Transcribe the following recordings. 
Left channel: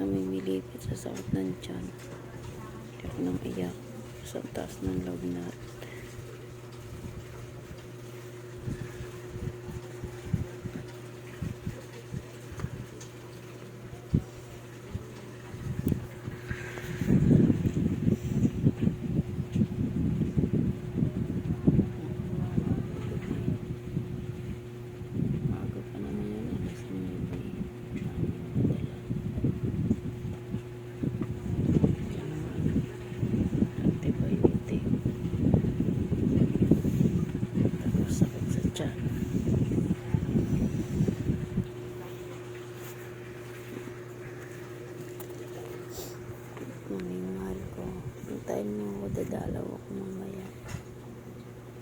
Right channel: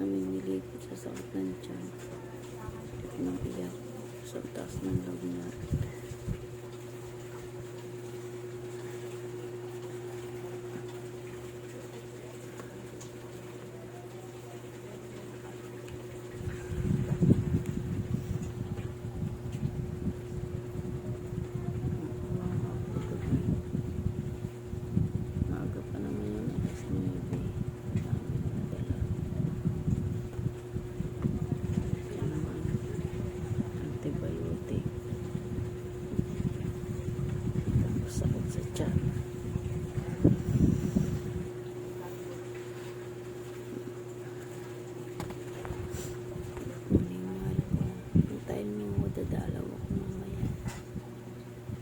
namimilipit sa sakit ng tiyan. Iyak ng iyak sa taas ng lagnat. Maaga pa naman yun, alas 9. Namin nadala. Diyan naman, antibiotic. Tapos sakit sa tiyan. Morning, mahal ko. Hintayin mo ako, dadalaw ako mamaya.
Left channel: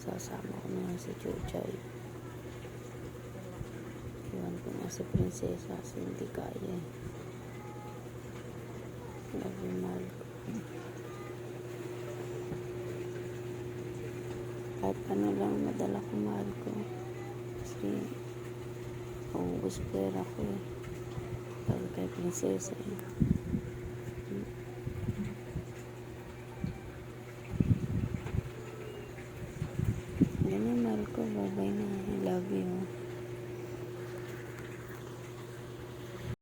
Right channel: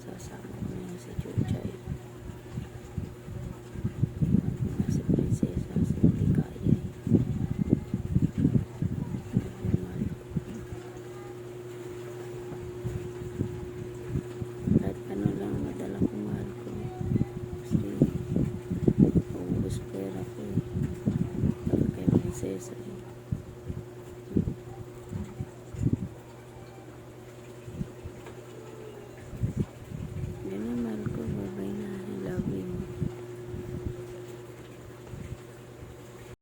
Sasama ko na lang si Chuchay. Iwan ko na si Prinsesa kasi hindi kaya eh. Love you, mahal ko. Kahit ano lang madala ko, mahal ko. Kasi maubos pera ko eh. Dahil kay Prinsesa. Yan na, mahal ko. Bye-bye na. I love you.